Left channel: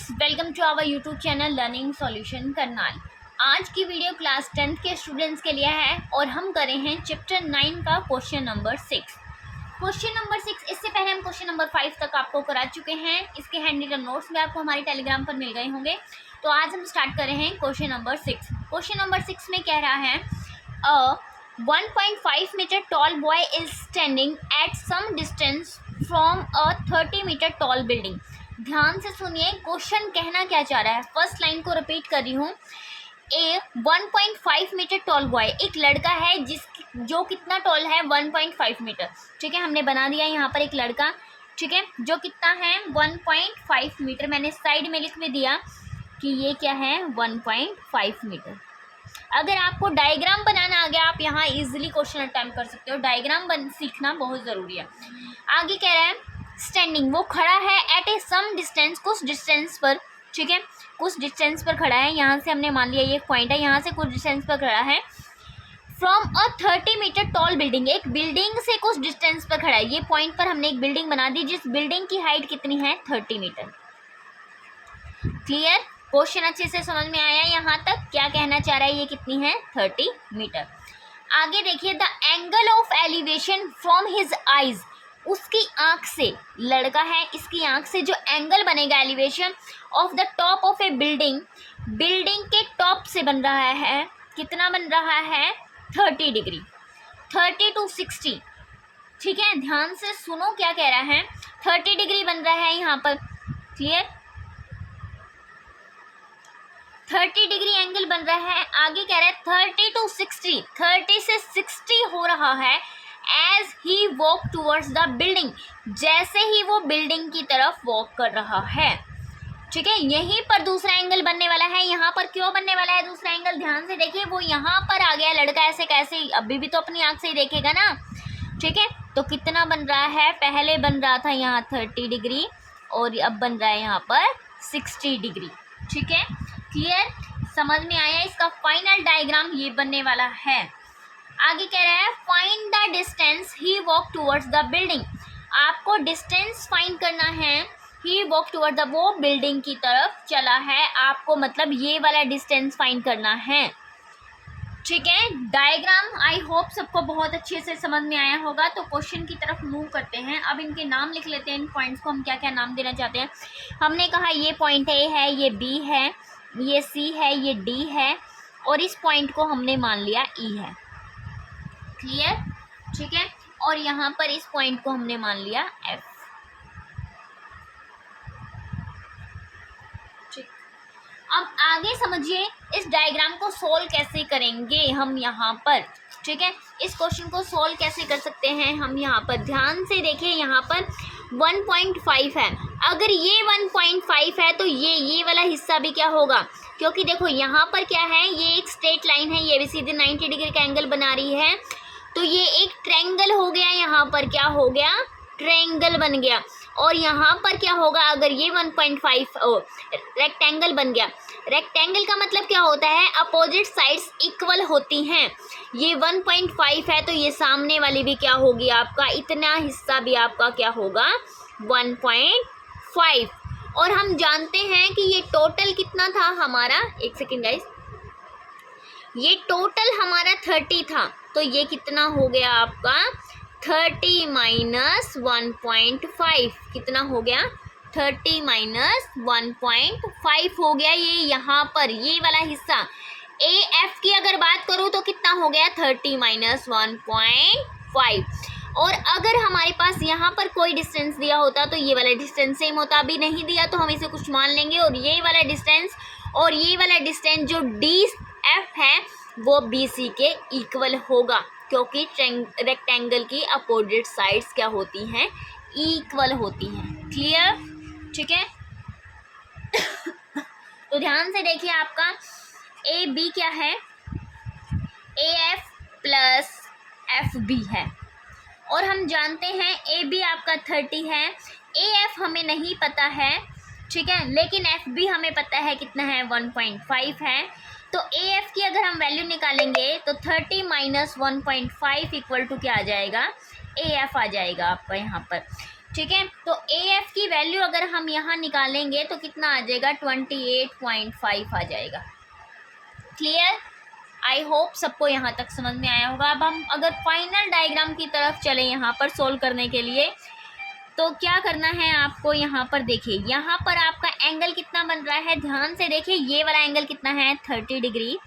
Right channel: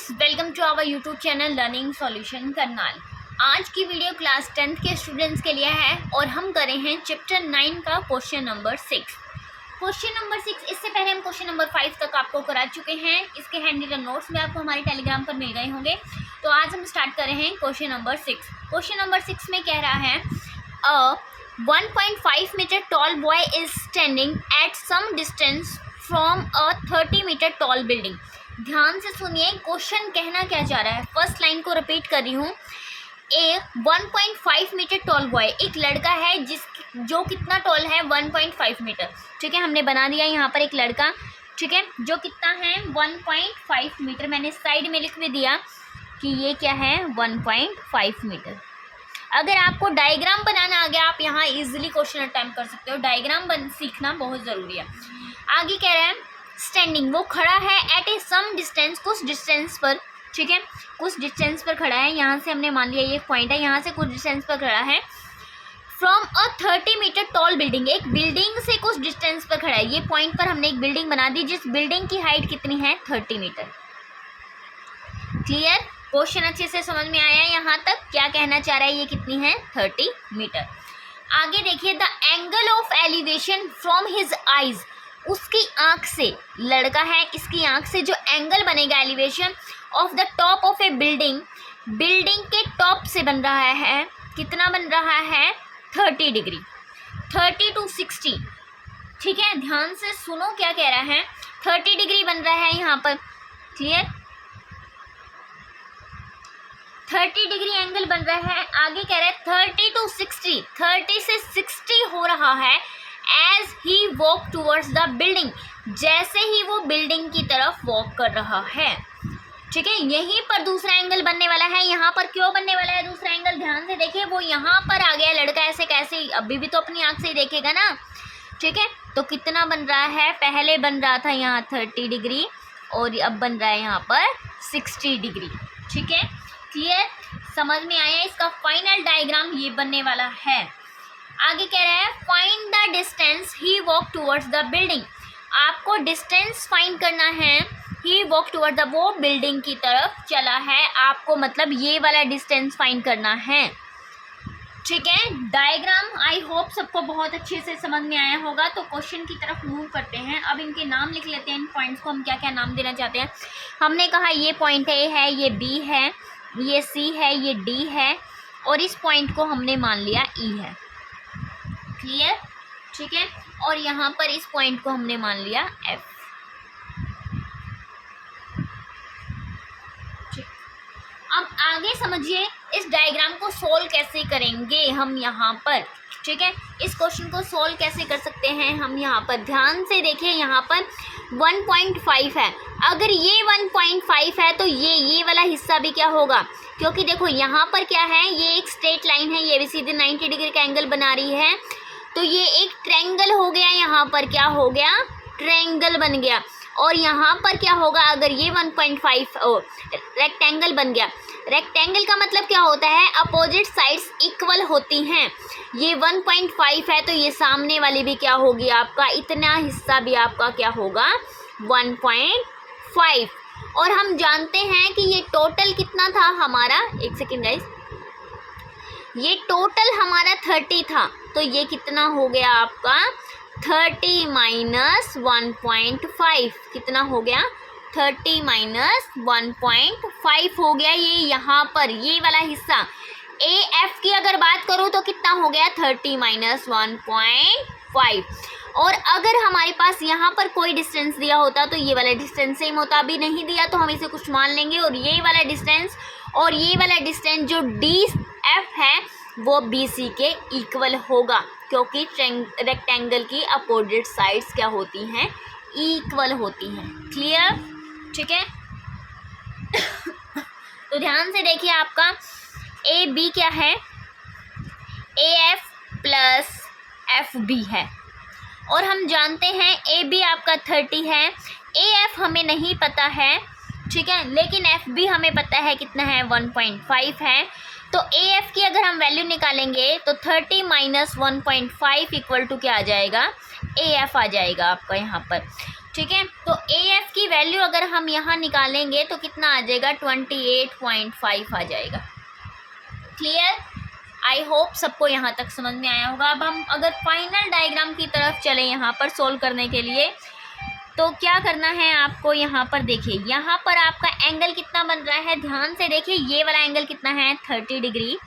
Guys, welcome to our YouTube channel learning solution Karnal. आज की video class 10th के students के लिए है और हम कर रहे हैं चैप्टर 9 का क्वेश्चन नंबर 6। क्वेश्चन नंबर 6, इससे पहले हम क्वेश्चन नंबर 5 तक आपको करा चुके हैं। इसके हैंड रिटन नोट्स भी आपको हमारे टेलीग्राम पर मिल गए होंगे। तो आज हम स्टार्ट कर रहे हैं क्वेश्चन नंबर 6। क्वेश्चन नंबर 6 में कह रहा है 1.5 metre tall boy is standing at some distance from a 30 metre tall building. ध्यान से सुनिए, क्वेश्चन कहना क्या चाह रहा है। फर्स्ट लाइन को रिपीट कर रही हूँ। ए 1.5 मीटर टॉल बॉय, एक लड़का है जो कितना टॉल है 1.5 मीटर। ठीक है, हमने बना दिया यहाँ पर एक लड़का। ठीक है, जो कितना है 1.5 मीटर। मैंने साइड में लिख भी दिया कि ये क्या है 1.5 मीटर। अगर आपको डायग्राम बनाना आ गया, आप यहाँ इजीली क्वेश्चन अटेम्प्ट कर सकते हो। डायग्राम सीखना बहुत ज़रूरी है। आगे कह रहा है स्टैंडिंग, वो खड़ा है एट ए सम डिस्टेंस, कुछ डिस्टेंस पर। ठीक है, कुछ डिस्टेंस पर खड़ा है। यहाँ से हमने मान लिया ये पॉइंट है, यहाँ से कुछ डिस्टेंस पर खड़ा है। From a 30 metre tall building, एक बिल्डिंग से कुछ डिस्टेंस पर खड़ा है। ये पॉइंट पर हमने एक बिल्डिंग बना दी जिस बिल्डिंग की हाइट कितनी है 30 मीटर। क्लियर? क्वेश्चन अच्छे से समझ में आया? यहाँ तक क्या कहना चाह रहा है, ये कितनी है 30 मीटर। आगे देखिए, the angle of elevation from his eyes, उसकी आंख से, लड़का है इसकी आंख से जो एंगल बनेगा elevation of the top of A building, building के टॉप से बन रहा है, कितना बन रहा है 30 डिग्री, 30 to 60। ठीक है, ध्यान से सुनो क्या कह रहा है। 30 डिग्री बन रहा है यहाँ पर। क्लियर? 30 डिग्री एंगल बन रहा है। आगे कह रहा है 30 to 60, 30 से 60 हो रहा है as he walk towards the building, जैसे ही वो बिल्डिंग की तरफ वॉक कर रहा है। ठीक है, यहीं पर दूसरा एंगल बनने वाला है। यहाँ पर क्यों बनने वाला है दूसरा एंगल, ध्यान से देखिए। वो यहाँ पर आ गया लड़का, ऐसे कैसे, अभी भी तो अपनी आंख से ही देखेगा ना। ठीक है, तो कितना बन रहा है, पहले बन रहा था यहाँ 30 डिग्री और अब बन रहा है यहाँ पर 60 डिग्री। ठीक है, क्लियर? समझ में आया? इसका फाइनल डायग्राम ये बनने वाला है। आगे कह रहा है find the distance he walk towards the building, आपको डिस्टेंस फाइंड करना है। ही वॉक टूवर्ड द, वो बिल्डिंग की तरफ चला है, आपको मतलब ये वाला डिस्टेंस फाइंड करना है। ठीक है, डायग्राम आई होप सबको बहुत अच्छे से समझ में आया होगा। तो क्वेश्चन की तरफ मूव करते हैं। अब इनके नाम लिख लेते हैं। इन पॉइंट्स को हम क्या क्या नाम देना चाहते हैं। हमने कहा ये पॉइंट ए है, ये बी है, ये सी है, ये डी है और इस पॉइंट को हमने मान लिया ई है। क्लियर? ठीक है, और यहाँ पर इस पॉइंट को हमने मान लिया एफ। ठीक, अब आगे समझिए इस डायग्राम को सोल्व कैसे करेंगे हम यहाँ पर। ठीक है, इस क्वेश्चन को सोल्व कैसे कर सकते हैं हम यहाँ पर। ध्यान से देखिए, यहाँ पर 1.5 है। अगर ये 1.5 है तो ये वाला हिस्सा भी क्या होगा, क्योंकि देखो यहाँ पर क्या है, ये एक स्ट्रेट लाइन है, ये भी सीधे 90 डिग्री का एंगल बना रही है। तो ये एक ट्रायंगल हो गया, यहाँ पर क्या हो गया, ट्रायंगल बन गया। और यहाँ पर क्या होगा, अगर ये 1.5 रेक्टेंगल बन गया। रेक्टेंगल का मतलब क्या होता है, अपोजिट साइड्स इक्वल होती हैं। ये 1.5 है तो ये सामने वाली भी क्या होगी आपका, इतना हिस्सा भी आपका क्या होगा 1.5। और हम जानते हैं कि ये टोटल कितना था हमारा, एक सेकेंड गाइस, ये टोटल हमारा 30 था। तो ये कितना हो गया आपका 30 माइनस 1.5, कितना हो गया 30 माइनस 1.5 हो गया। ये यहाँ पर ये वाला हिस्सा ए एफ की अगर बात करूँ तो कितना हो गया 30 माइनस 1.5। और अगर हमारे पास यहाँ पर कोई डिस्टेंस दिया होता तो ये वाला डिस्टेंस सेम होता। अभी नहीं दिया तो हम इसे कुछ मान लेंगे। और ये वाला डिस्टेंस और ये वाला डिस्टेंस जो डी एफ है वो बी सी के इक्वल होगा, क्योंकि रेक्टेंगल की अपोजिट साइड्स क्या होती हैं, इक्वल होती हैं। क्लियर? ठीक है, तो ध्यान से देखिए, आपका ए बी क्या है, A F plus F B है। और हम जानते हैं ए बी आपका 30 है, ए एफ हमें नहीं पता है। ठीक है, लेकिन एफ बी हमें पता है कितना है 1.5 है। तो ए एफ की अगर हम वैल्यू निकालेंगे तो 30 माइनस 1.5 इक्वल टू क्या आ जाएगा, ए एफ आ जाएगा आपका यहाँ पर। ठीक है। तो ए एफ की वैल्यू अगर हम यहाँ निकालेंगे तो कितना आ जाएगा, 28.5 आ जाएगा। क्लियर? आई होप सबको यहाँ तक समझ में आया होगा। अब हम अगर फाइनल डायग्राम की तरफ चले यहाँ पर सोल्व करने के लिए, तो क्या करना है आपको, यहाँ पर देखिए, यहाँ पर आपका एंगल कितना बन रहा है, ध्यान से देखिए, ये वाला एंगल कितना है, 30 डिग्री।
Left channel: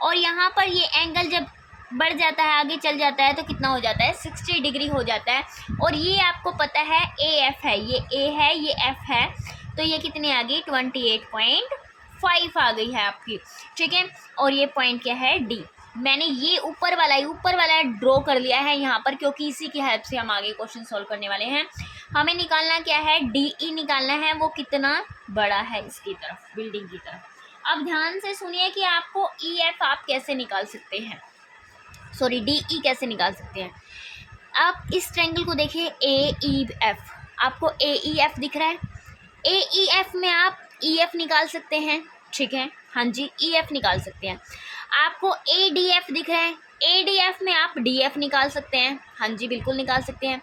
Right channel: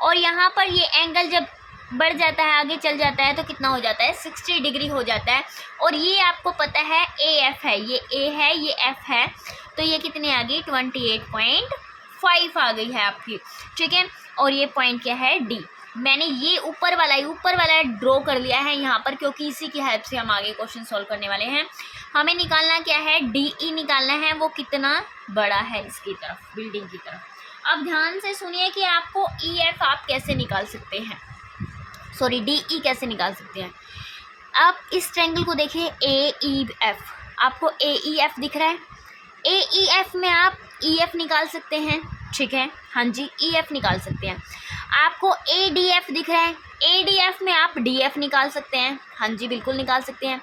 और यहाँ पर ये एंगल जब बढ़ जाता है, आगे चल जाता है, तो कितना हो जाता है, 60 डिग्री हो जाता है। और ये आपको पता है ए एफ है, ये ए है, ये एफ है, तो ये कितनी आ गई, 28.5 आ गई है आपकी। ठीक है। और ये पॉइंट क्या है, डी। मैंने ये ऊपर वाला ड्रॉ कर लिया है यहाँ पर, क्योंकि इसी की हेल्प से हम आगे क्वेश्चन सॉल्व करने वाले हैं। हमें निकालना क्या है, डी ई निकालना है, वो कितना बड़ा है इसकी तरफ, बिल्डिंग की तरफ। अब ध्यान से सुनिए कि आपको ई एफ आप कैसे निकाल सकते हैं, सॉरी डी ई कैसे निकाल सकते हैं। आप इस ट्रायंगल को देखिए, ए ई एफ, आपको ए ई एफ दिख रहा है, ए ई एफ में आप ई एफ निकाल सकते हैं। ठीक है, हाँ जी, ई एफ निकाल सकते हैं। आपको ए डी एफ दिख रहा है, ए डी एफ में आप डी एफ निकाल सकते हैं। हाँ जी, बिल्कुल निकाल सकते हैं।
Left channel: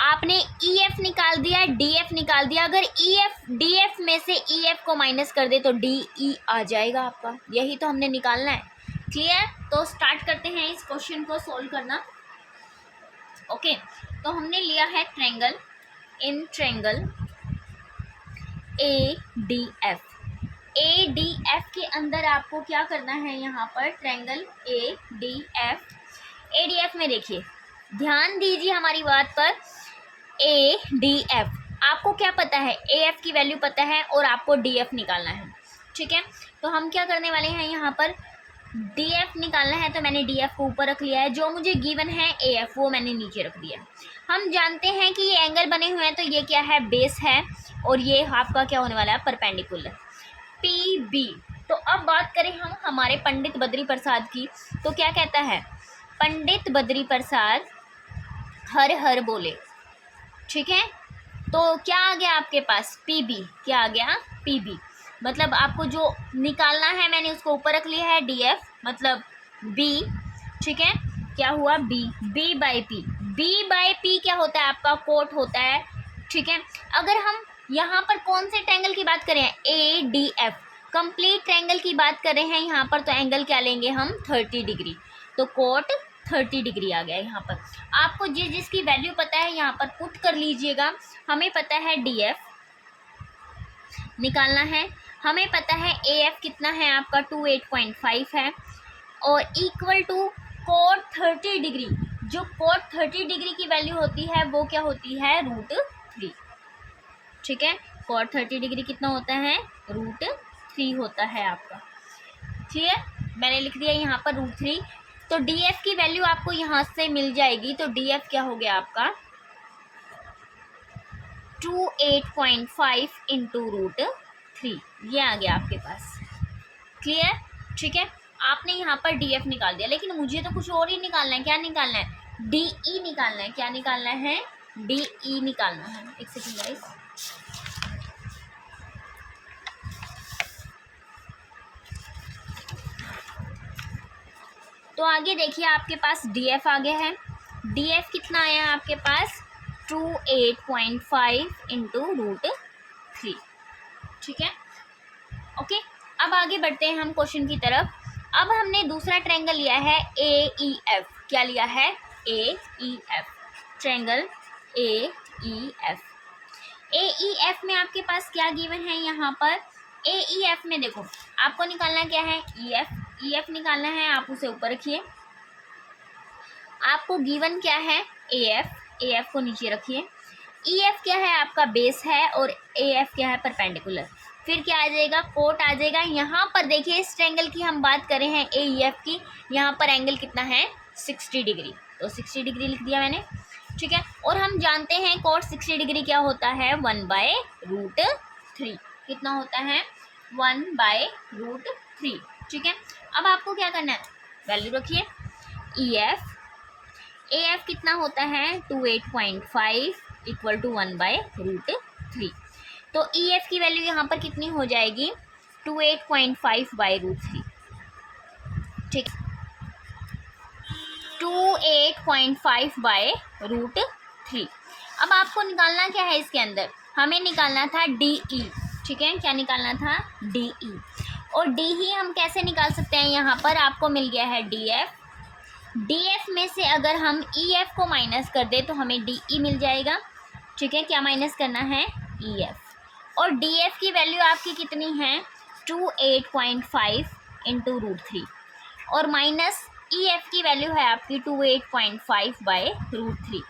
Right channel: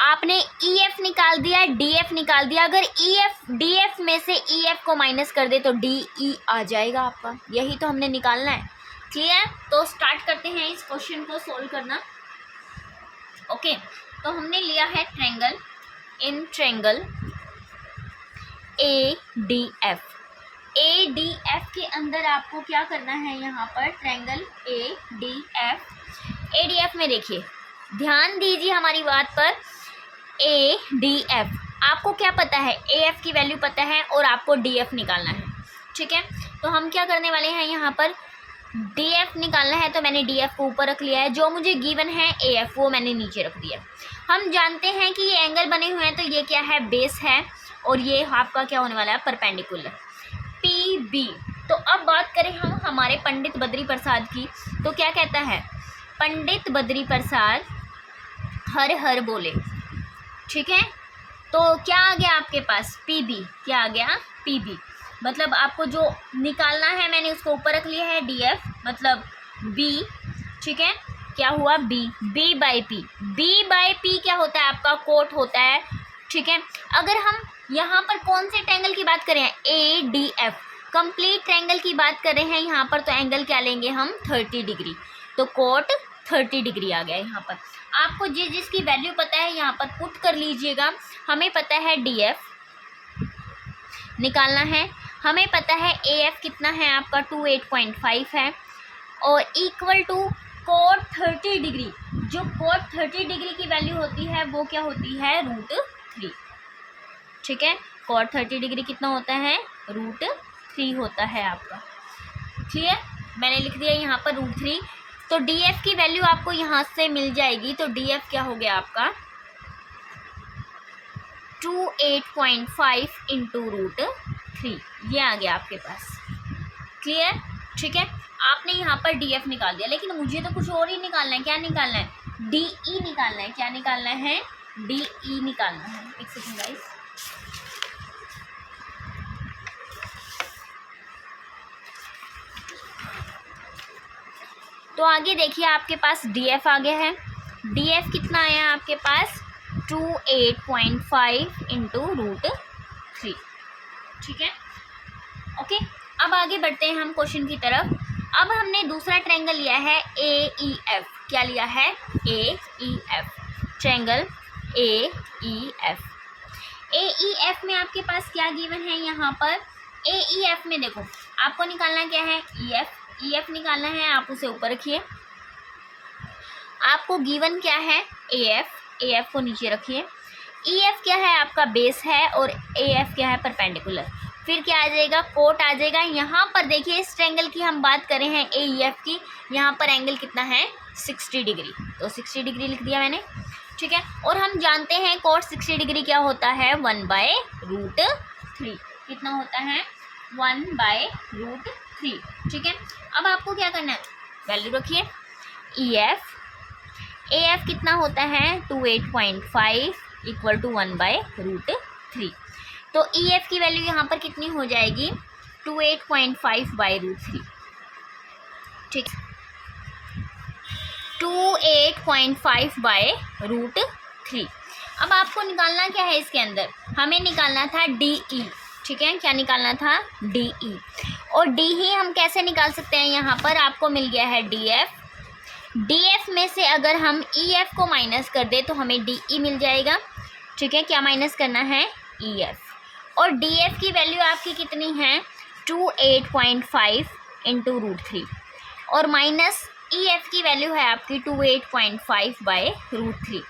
आपने ई एफ निकाल दिया, डी एफ निकाल दिया, अगर ई एफ डी एफ में से ई एफ को माइनस कर दे तो डी ई आ जाएगा आपका। यही तो हमने निकालना है। क्लियर? तो स्टार्ट करते हैं इस क्वेश्चन को सोल्व करना। ओके, तो हमने लिया है triangle, in triangle A D F. A D F के अंदर आपको क्या करना है, यहाँ पर triangle A D F, A D F में देखिए, ध्यान दीजिए हमारी बात पर। ए डी एफ, आपको क्या पता है, ए एफ की वैल्यू पता है और आपको डी एफ निकालना है। ठीक है, तो हम क्या करने वाले हैं, यहाँ पर डी एफ निकालना है, तो मैंने डी एफ को ऊपर रख लिया है, जो मुझे गिवन है ए एफ वो मैंने नीचे रख दिया। हम जानते हैं कि ये एंगल बने हुए हैं, तो ये क्या है, बेस है, और ये आपका क्या होने वाला है, परपेंडिकुलर, पी बी। तो अब बात करें हम हमारे पंडित बद्री प्रसाद की, तो क्या कहता है, पंडित बद्री प्रसाद हर हर बोले। ठीक है, तो क्या आ गया आपके पास, पी बी, क्या आ गया, पी बी। मतलब आपको जो निकालना है मैंने उसको ऊपर रख लिया है, डी एफ मतलब बी। ठीक है, क्या हुआ, B, B by P, B by P क्या होता है आपका, कोट होता है। ठीक है, अगर हम यहाँ पर कौन से ट्रायंगल की बात करें, A D F, complete triangle की बात कर रहे हैं यहाँ पर, तो एंगल क्या लेंगे हम, 30 डिग्री, तो कोट 30 डिग्री आ गया यहाँ पर। आपको जिसकी वैल्यू पता है यहाँ पर पुट कर लीजिएगा। हमें पता है डी एफ निकालना है, हमें पता है ए एफ कितना है आपका, 28.5 है, और इक्वल टू कोट 30 डिग्री, जो कोट 30 डिग्री की वैल्यू होती है वो क्या होती है, √3। ठीक है, कोट 30 डिग्री कितना होता है, √3 होता है आपका। क्लियर? मैंने लिख दिया यहाँ पर √3। तो डी एफ की वैल्यू आपको यहाँ से मिल जाएगी, तो डी एफ क्या हो गया आपका, 28.5 इंटू √3, ये आ गया आपके पास। क्लियर? ठीक है, आपने यहाँ पर डी एफ निकाल दिया, लेकिन मुझे तो कुछ और ही निकालना है। क्या निकालना है, डी ई निकालना है। क्या निकालना है, डी ई निकालना है। एक सेकंड गाइस, तो आगे देखिए आपके पास डी एफ आ गया है। डी एफ कितना आया आपके पास, 28.5 इंटू √3। ठीक है, ओके। अब आगे बढ़ते हैं हम क्वेश्चन की तरफ। अब हमने दूसरा ट्रायंगल लिया है ए ई एफ। क्या लिया है, A E F, triangle A E F. A E F में आपके पास क्या गिवन है, यहाँ पर ए ई एफ में देखो आपको निकालना क्या है, ई एफ, ई एफ निकालना है, आप उसे ऊपर रखिए। आपको गिवन क्या है, ए एफ, ए एफ को नीचे रखिए। ई एफ क्या है आपका, बेस है, और ए एफ क्या है, परपेंडिकुलर। फिर क्या आ जाएगा, कोट आ जाएगा। यहाँ पर देखिए इस ट्रायंगल की हम बात कर रहे हैं ए ई एफ की, यहाँ पर एंगल कितना है, 60 डिग्री, तो 60 डिग्री लिख दिया मैंने। ठीक है, और हम जानते हैं कोट 60 डिग्री क्या होता है, 1/√3। कितना होता है, 1/√3। ठीक है, अब आपको क्या करना है, वैल्यू रखिए। ई एफ, ए एफ कितना होता है, 28.5 इक्वल टू 1/√3। तो ई एफ की वैल्यू यहाँ पर कितनी हो जाएगी, 28.5/√3। ठीक, 28.5/√3। अब आपको निकालना क्या है इसके अंदर, हमें निकालना था डी ई, ठीक है, क्या निकालना था, डी ई। और डी ही हम कैसे निकाल सकते हैं, यहाँ पर आपको मिल गया है डी एफ, डी एफ में से अगर हम ई एफ को माइनस कर दे तो हमें डी ई मिल जाएगा, ठीक है, क्या माइनस करना है, ई एफ। और डी एफ की वैल्यू आपकी कितनी है, 28.5 इंटू √3, और माइनस ई एफ की वैल्यू है आपकी 28.5/√3।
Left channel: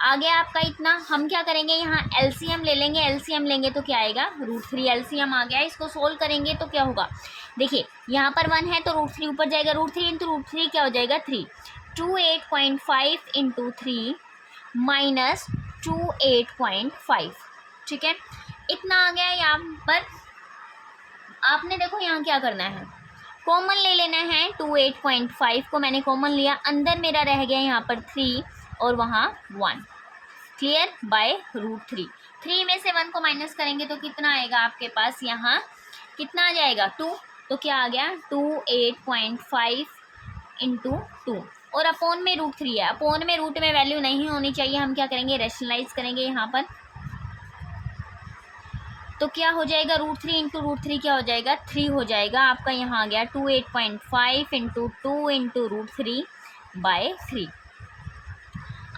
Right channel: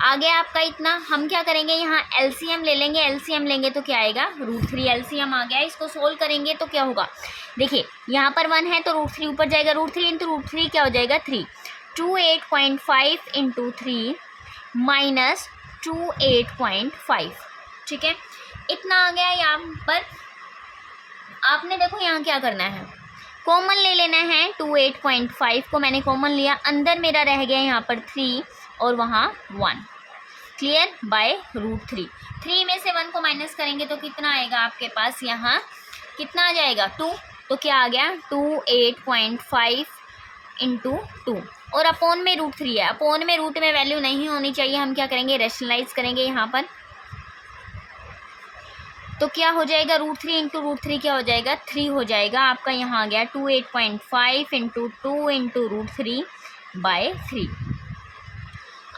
आ गया आपका इतना। हम क्या करेंगे, यहाँ एलसीएम ले लेंगे, एलसीएम लेंगे तो क्या आएगा, √3, एलसीएम आ गया। इसको सोल्व करेंगे तो क्या होगा, देखिए यहाँ पर 1 है तो √3 ऊपर जाएगा, √3 इंटू √3 क्या हो जाएगा, 3, 28.5 इंटू 3 माइनस 28.5, ठीक है, इतना आ गया। यहाँ पर आपने देखो यहाँ क्या करना है, कॉमन ले लेना है, 28.5 को मैंने कॉमन लिया, अंदर मेरा रह गया यहाँ पर 3 और वहाँ 1, क्लियर, बाय √3। 3 में से 1 को माइनस करेंगे तो कितना आएगा आपके पास, यहाँ कितना आ जाएगा, 2, तो क्या आ गया, 28.5 इंटू 2, और अपोन में √3 है, अपोन में रूट में वैल्यू नहीं होनी चाहिए, हम क्या करेंगे, रैशनलाइज करेंगे यहाँ पर, तो क्या हो जाएगा, √3 इंटू √3 क्या हो जाएगा, 3 हो जाएगा आपका। यहाँ आ गया 28.5 इंटू 2 इंटू √3/3।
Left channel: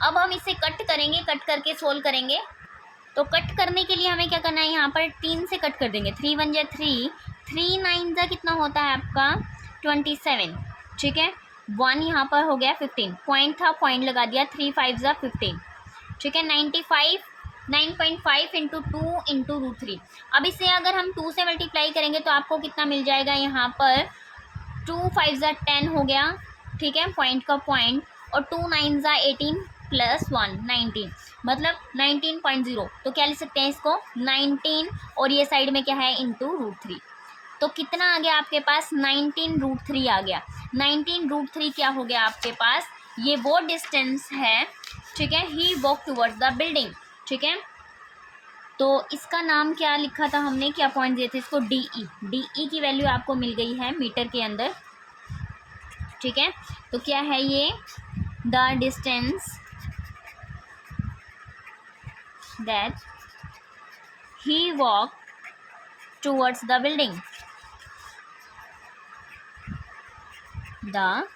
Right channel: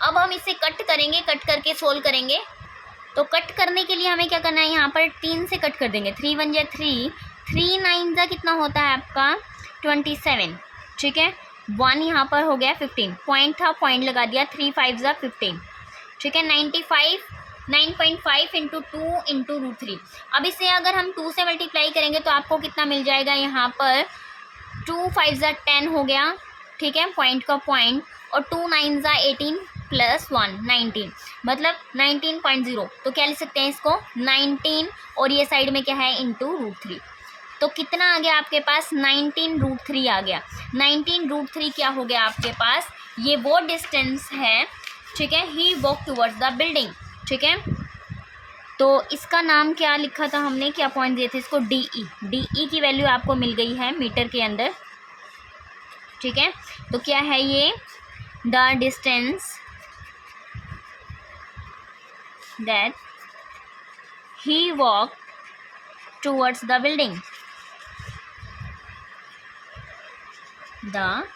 अब हम इसे कट करेंगे, कट करके सोल्व करेंगे। तो कट करने के लिए हमें क्या करना है, यहाँ पर 3 से कट कर देंगे, 3 1 जा 3, 3 9 जा कितना होता है आपका 27, ठीक है, 1 यहाँ पर हो गया 15, पॉइंट था, पॉइंट लगा दिया, 3 5 जा 15, ठीक है, 9.5 इंटू 2 इंटू √3। अब इसे अगर हम 2 से मल्टीप्लाई करेंगे तो आपको कितना मिल जाएगा, यहाँ पर 2 5 जा 10 हो गया, ठीक है, पॉइंट का पॉइंट, और 2 9 जा 18 प्लस 1 19, मतलब 19.0, तो क्या लिख सकते हैं इसको 19, और ये साइड में क्या है, इंटू √3, तो कितना आ गया आपके पास, 19 √3 आ गया। 19 √3 क्या हो गया आपके पास, ये वो डिस्टेंस है, ठीक है, ही वॉक टूवर्ड्स द बिल्डिंग, ठीक है। तो इसका नाम क्या लिखा था हमने, क्या पॉइंट दिए थे इसको, डी ई, डी ई की वैल्यू आपको मिल गई है मीटर के अंदर, ठीक है। तो क्या है ये, the distance that he walk towards the building, the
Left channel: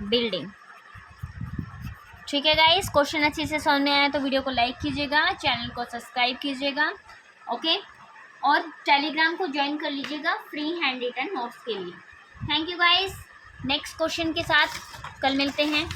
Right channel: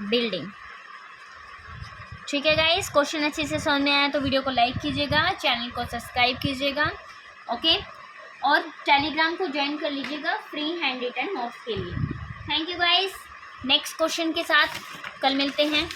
building, ठीक है गाइस। क्वेश्चन अच्छे से समझ में आया तो वीडियो को लाइक कीजिएगा, चैनल को सब्सक्राइब कीजिएगा, ओके, और टेलीग्राम को ज्वाइन कर लीजिएगा फ्री हैंड रिटन नोट्स के लिए। Thank you guys, next question के साथ कल मिलते हैं।